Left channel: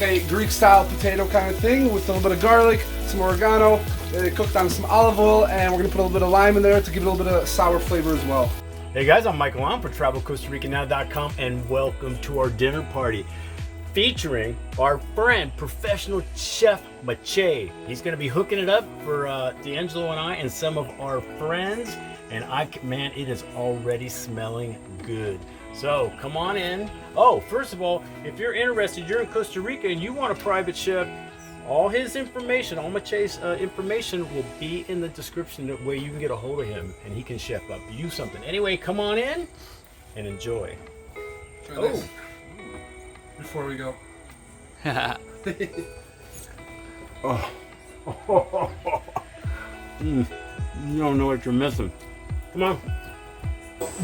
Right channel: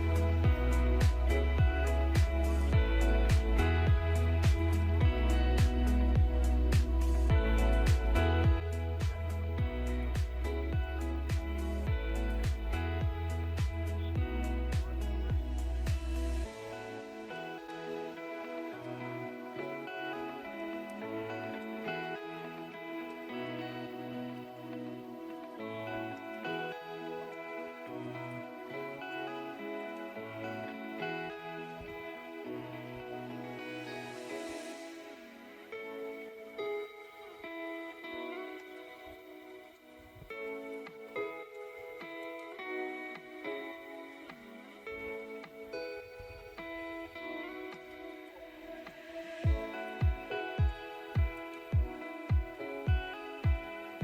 like a Greek-style potato kind of thing with a little bit of garlic, some oregano, cooked on some olive oil, and we're gonna put a little bit of lime in there to give it a little bit of sour flavor as well. Hey guys, I'm Michael. I'm for Travel Costa Rica NOW.com, and welcome to our dinner party featuring our friend, professional chef Mache. He's going to be hooking it up for D'Angelo and I and some of our friends, and man, it is already smelling good. So come on in. Oh, first of all, if you're interested, you're in Costa Rica and you want a private chef, all his information, all Mache's information will be in the description where you can get a hold of him and he can chef up you something. Anyway, come on in and enjoy. Try this before we go. Oh. You don't know what you're missing. Come on.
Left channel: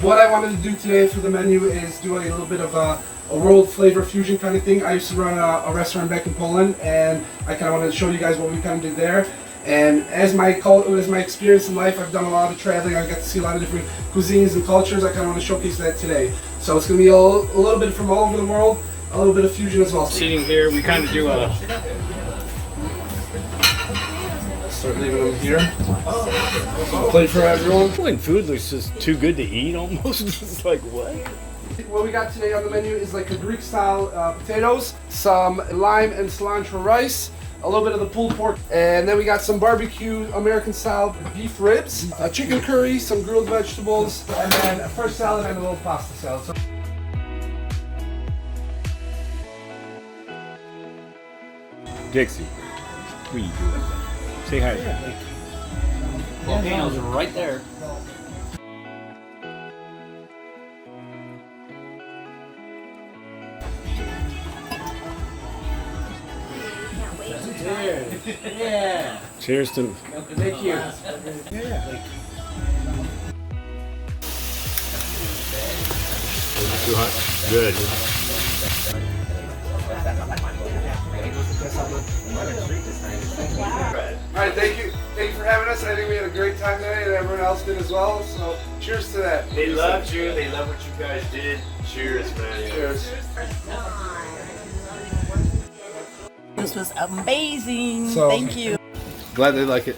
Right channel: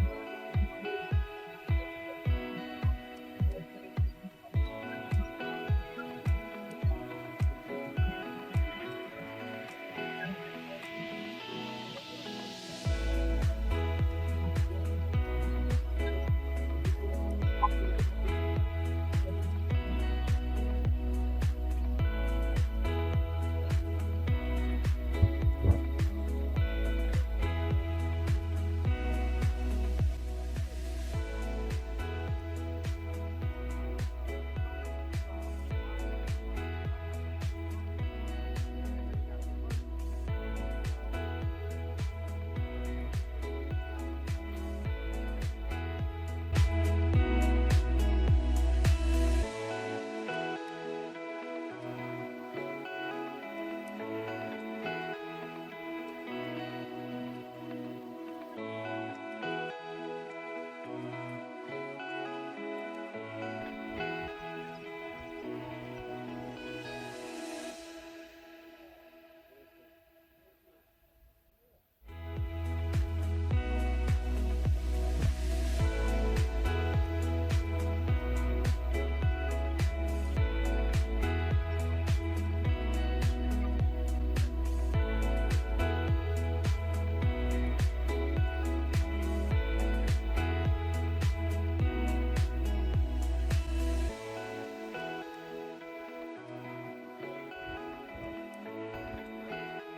What I wanted to do today for the menu is do a little bit of a world flavor fusion kind of thing. I used to run a restaurant back in Poland, and I kind of wanted to show you guys what we kind of did there. And as my experience in life, I've done a lot of traveling. I got to see a lot of different cuisines and cultures. I kind of want to showcase that today. So it's going to be a little bit from all over the world, a little bit of fusion as well. Sitting here, we kind of do a... Start leaving them here. Plate for everyone. When food looks just too good to eat almost, it's like what? What we got today on the menu is like a Greek style potatoes, some lime and cilantro rice, a little bit of the pulled pork, and then we got some barbecue American style beef ribs, chicken curry, some grilled vegetables, and then a fresh salad and a little pasta salad. So Dixie, what are you doing? Say hi. Volcanoes are right there. Cheers. Yeah. Cheers to... Thank you. Yeah. Too hot. Good. alright, thank you for having us. I think we had a great time today, and everyone else did as well. So cheers to that. They loved you. They love what you guys did. Cheers, man. Cheers. This was amazing. So, thank you. Glad they like it.